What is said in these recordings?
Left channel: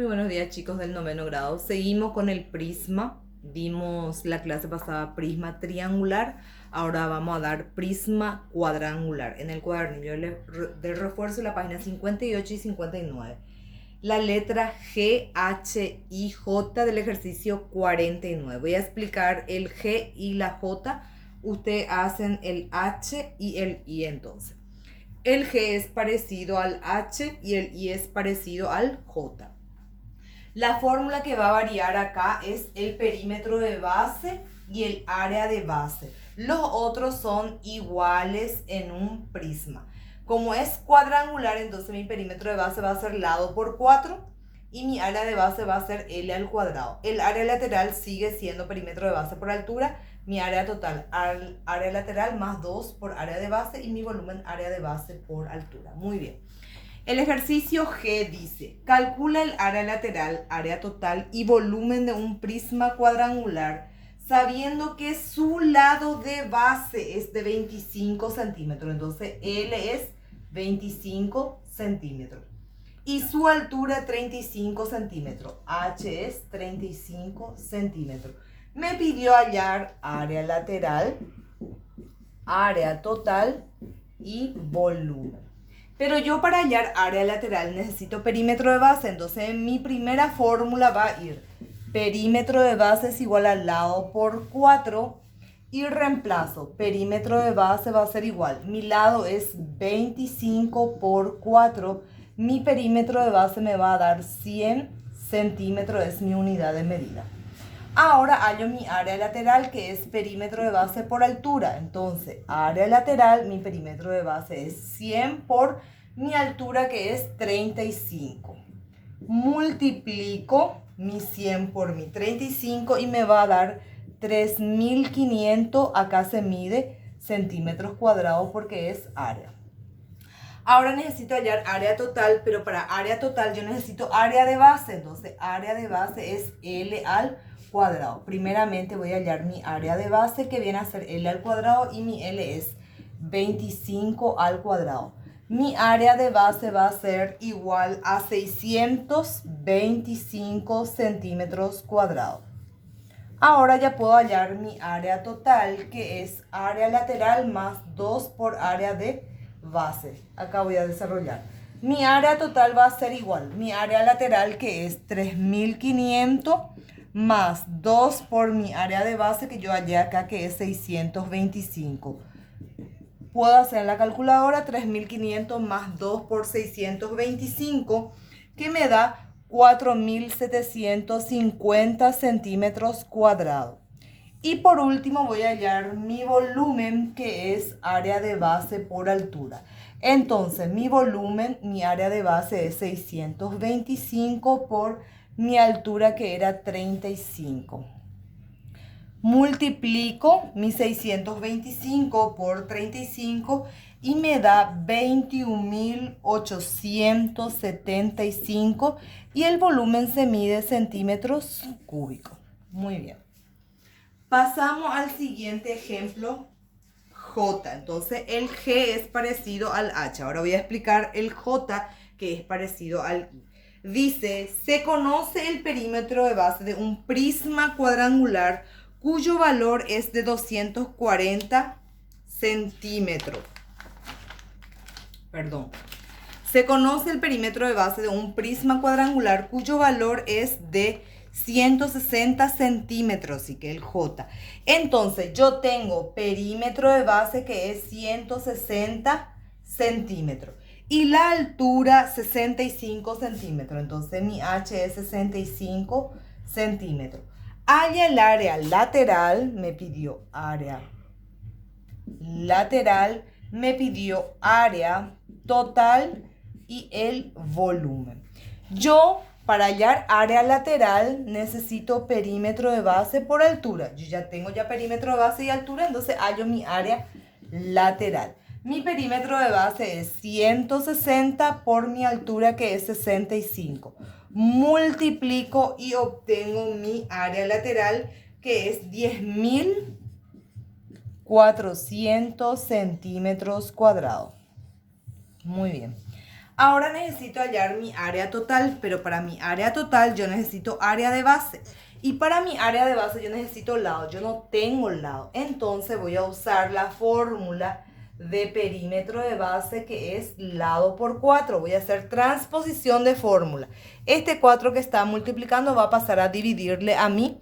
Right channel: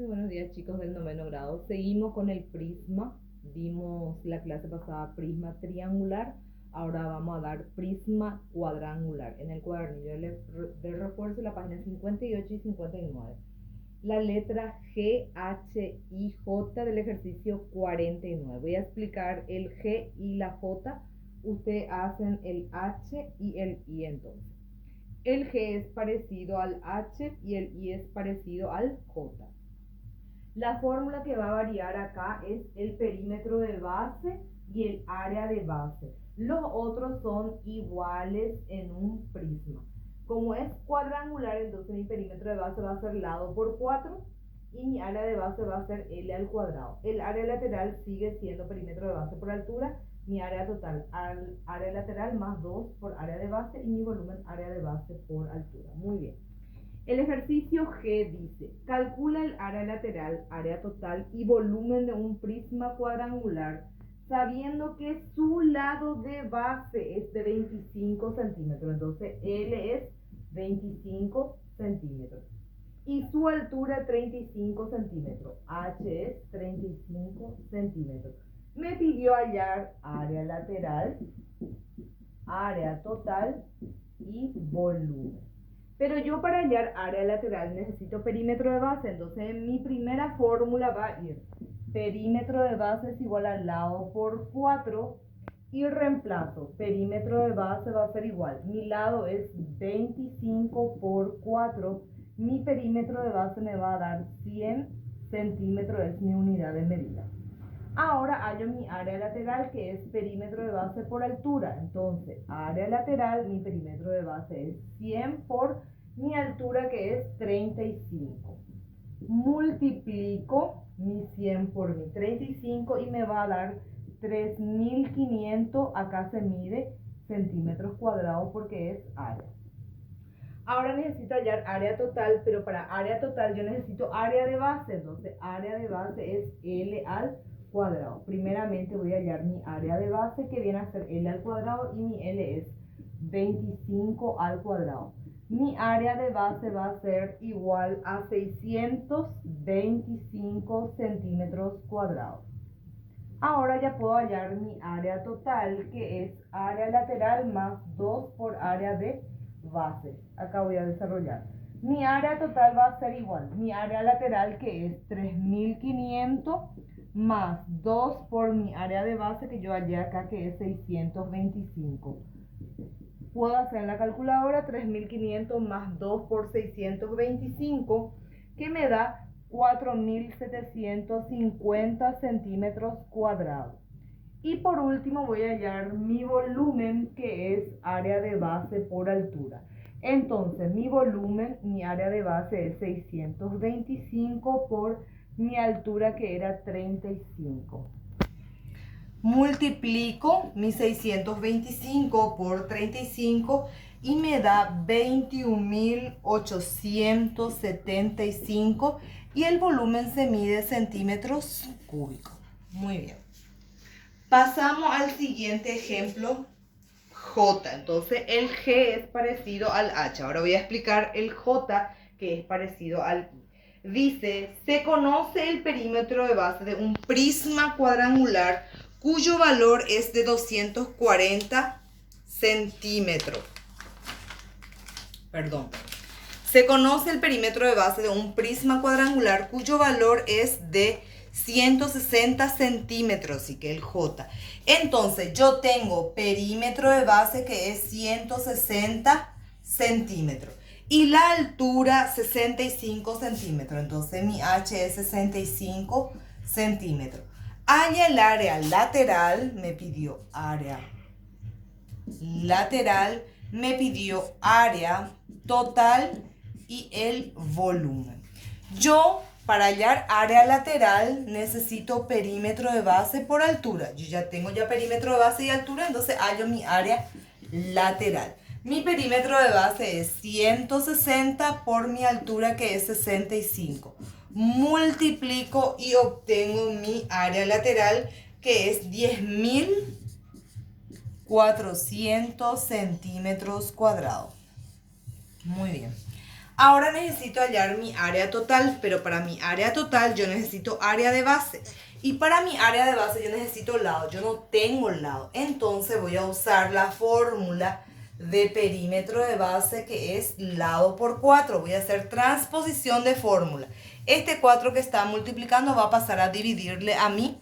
Muy buenos días, chicos del noveno grado. Seguimos con el prisma. Vimos la clase pasada prisma triangular. Ahora vamos a dar prisma cuadrangular en el cuadernillo de refuerzo, la página 58 y 59. La letra G, H y J del ejercicio 49. Voy a explicar el G y la J. Ustedes hacen el H y el I entonces. El G es parecido al H y el I es parecido al J. La fórmula que va a variar acá es el perímetro de base y el área de base. Los otros son iguales en un prisma. Como es cuadrangular, entonces mi perímetro de base va a ser lado por 4 y mi área de base va a ser L al cuadrado. El área lateral sigue siendo perímetro de base por altura, mi área total, área lateral más 2 por área de base y mi volumen área de base por altura. Muy bien. El ejercicio G dice, calcula el área lateral, área total y volumen de un prisma cuadrangular, sabiendo que su lado de base es de 25 centímetros. Entonces, L es 25 centímetros. Y su altura 35 centímetros. H es 35 centímetros. Me pidió hallar área lateral, área total y volumen. Pero yo para hallar área lateral necesito perímetro de base, entonces mi primera fórmula va a ir perímetro de base es igual al lado por 4 y reemplazo. Perímetro de base va a ser igual, mi lado es 25 por 4, mi perímetro de base me va a dar 100 centímetros, es mi unidad de medida. Ahora hallo mi área lateral, que es perímetro de base por altura. Entonces, área lateral, mi perímetro de base es 100 por mi altura, que es 35. Multiplico mi 100 por mi 35 y me va a dar 3.500. Acá se mide centímetros cuadrados porque es área. Ahora necesito hallar área total, pero para área total yo necesito área de base. Entonces, área de base es L al cuadrado. Primeramente voy a hallar mi área de base, que viene a ser L al cuadrado, y mi L es 25 al cuadrado. Mi área de base va a ser igual a 625 centímetros cuadrados. Ahora ya puedo hallar mi área total, que es área lateral más 2 por área de base. Acá voy a desarrollar. Mi área total va a ser igual. Mi área lateral, que es 3.500 más 2 por mi área de base, que yo hallé acá, que es 625. Puedo hacer en la calculadora 3.500 más 2 por 625, que me da 4.750 centímetros cuadrados. Y por último voy a hallar mi volumen, que es área de base por altura. Entonces mi volumen, mi área de base es 625 por mi altura, que era 35. Multiplico mi 625 por 35 y me da 21.875 y el volumen se mide centímetros cúbicos. Muy bien. Pasamos al siguiente ejemplo, J. Entonces el G es parecido al H. Ahora voy a explicar el J, que es parecido al I. Dice, se conoce el perímetro de base de un prisma cuadrangular cuyo valor es de 240 centímetros. Perdón. Se conoce el perímetro de base de un prisma cuadrangular cuyo valor es de 160 centímetros, y que el J. Entonces yo tengo perímetro de base, que es 160 centímetros. Y la altura 65 centímetros. Entonces mi H es 65 centímetros. Halla el área lateral, me pidió área lateral, me pidió área total y el volumen. Yo, para hallar área lateral, necesito perímetro de base por altura. Yo ya tengo perímetro de base y altura, entonces hallo mi área lateral. Mi perímetro de base es 160 por mi altura, que es 65. Multiplico y obtengo mi área lateral, que es 10.400 centímetros cuadrados. Muy bien. Ahora necesito hallar mi área total, pero para mi área total yo necesito área de base. Y para mi área de base yo necesito lado, yo no tengo lado. Entonces voy a usar la fórmula de perímetro de base que es lado por 4. Voy a hacer transposición de fórmula. Este 4 que está multiplicando va a pasar a dividirle a mi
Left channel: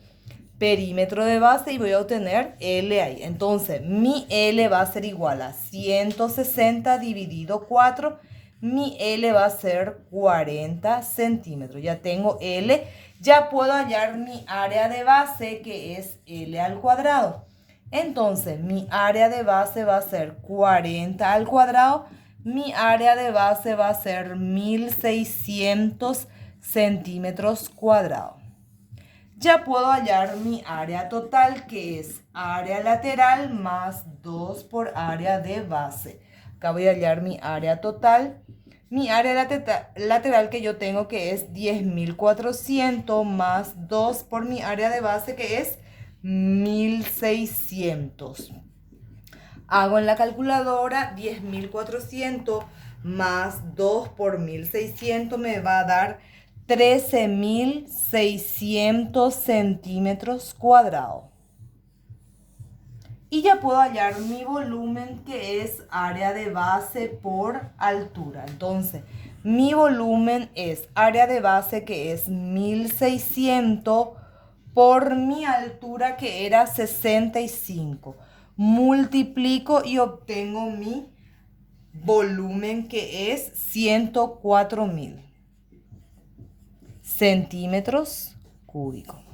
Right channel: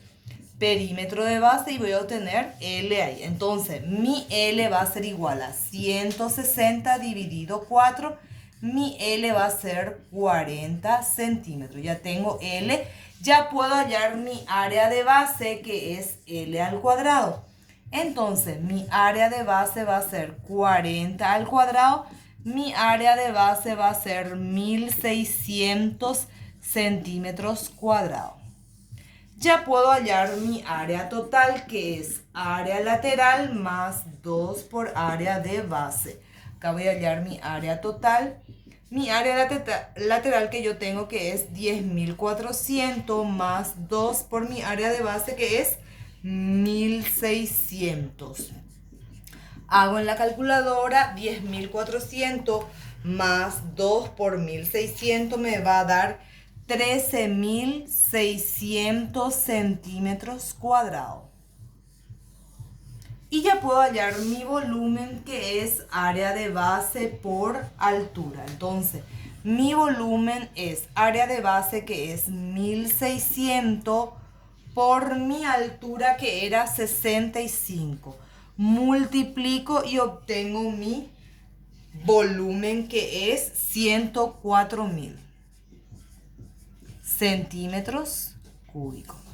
perímetro de base y voy a obtener L ahí. Entonces mi L va a ser igual a 160 dividido 4. Mi L va a ser 40 centímetros. Ya tengo L. Ya puedo hallar mi área de base que es L al cuadrado. Entonces mi área de base va a ser 40 al cuadrado. Mi área de base va a ser 1600 centímetros cuadrados. Ya puedo hallar mi área total, que es área lateral más 2 por área de base. Acá voy a hallar mi área total. Mi área lateral que yo tengo, que es 10.400 más 2 por mi área de base, que es 1.600. Hago en la calculadora 10.400 más 2 por 1.600 me va a dar 13.600 centímetros cuadrados. Y ya puedo hallar mi volumen, que es área de base por altura. Entonces, mi volumen es área de base, que es 1.600 por mi altura, que era 65. Multiplico y obtengo mi volumen, que es 104.000 centímetros cúbicos.